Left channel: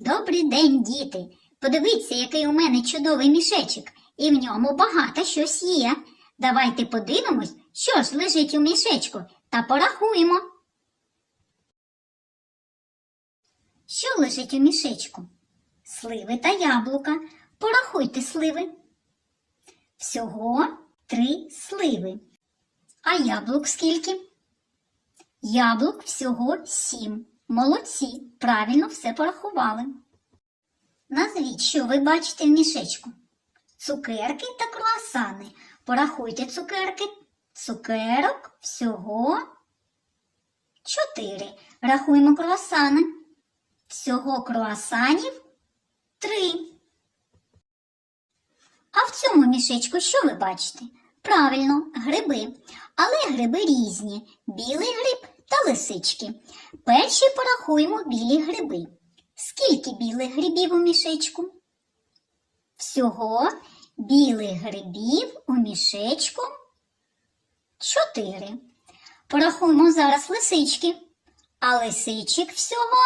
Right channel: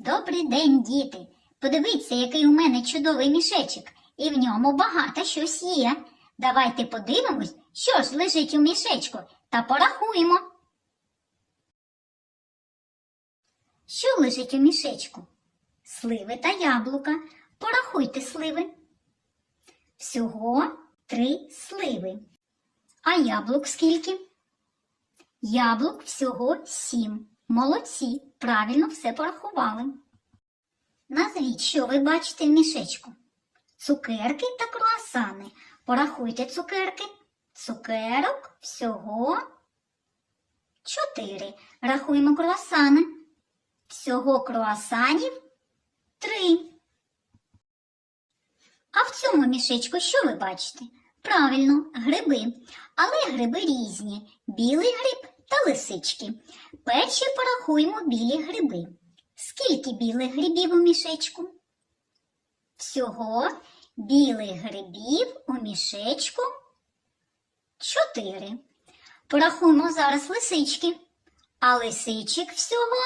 Добрий день, діти! Подивіться, який у мене чудовий мішечок, і в ньому багато щось є. Давайте подивимось, що ж лежить у мішечку, та порахуємо. Що лежить у мішечку? Сливи та яблука. Порахуйте сливи. Всього три сливи. А яблук скільки? Яблук всього сім. Молодці, правильно все порахували. Назвіть, що ви бачите в мішечку. Цукерки та круасани. Порахуйте цукерки. Цукерок всього чотири. Рахуємо круасани. Всього круасанів три. А в цьому мішечку що ви бачите? Правильно, гриби. Але гриби різні: білий гриб та лисички. Перші порахуємо білі гриби. Скільки білих грибів у мішечку? Всього білих грибів у мішечку чотири. Порахуємо зараз лисички. А лисичок всього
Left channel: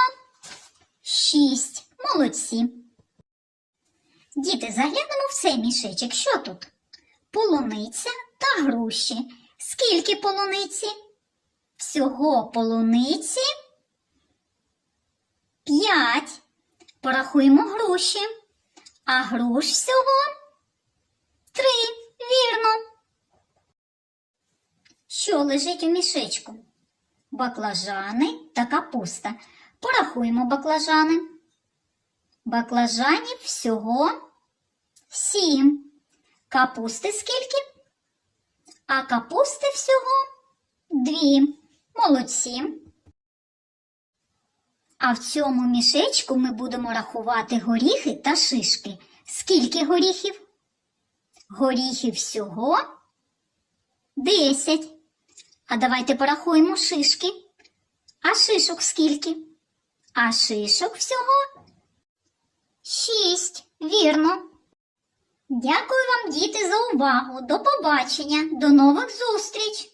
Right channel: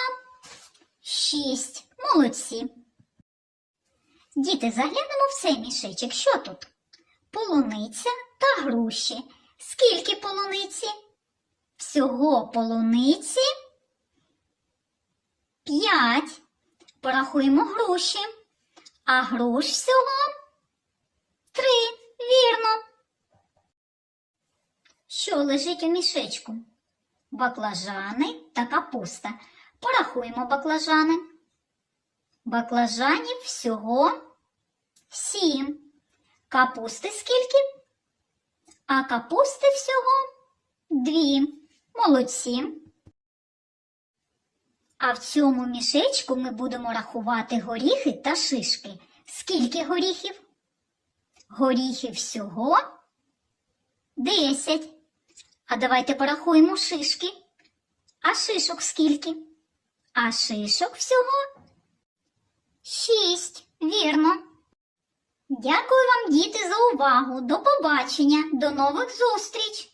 шість. Молодці. Діти, заглянемо в цей мішечок. Що тут? Полуниця та груші. Скільки полуниці? Всього полуниці п'ять. Порахуємо груші. А груш всього три. Вірно. Що лежить у мішечку? Баклажани та капуста. Порахуємо баклажани. Баклажанів всього сім. Капусти скільки? А капусти всього дві. Молодці. А в цьому мішечку ми будемо рахувати горіхи та шишки. Скільки горіхів? Горіхів всього десять. А давайте порахуємо шишки. А шишок скільки? А шишок всього шість. Вірно. Дякую вам, діти, за увагу. До побачення. До нових зустріч!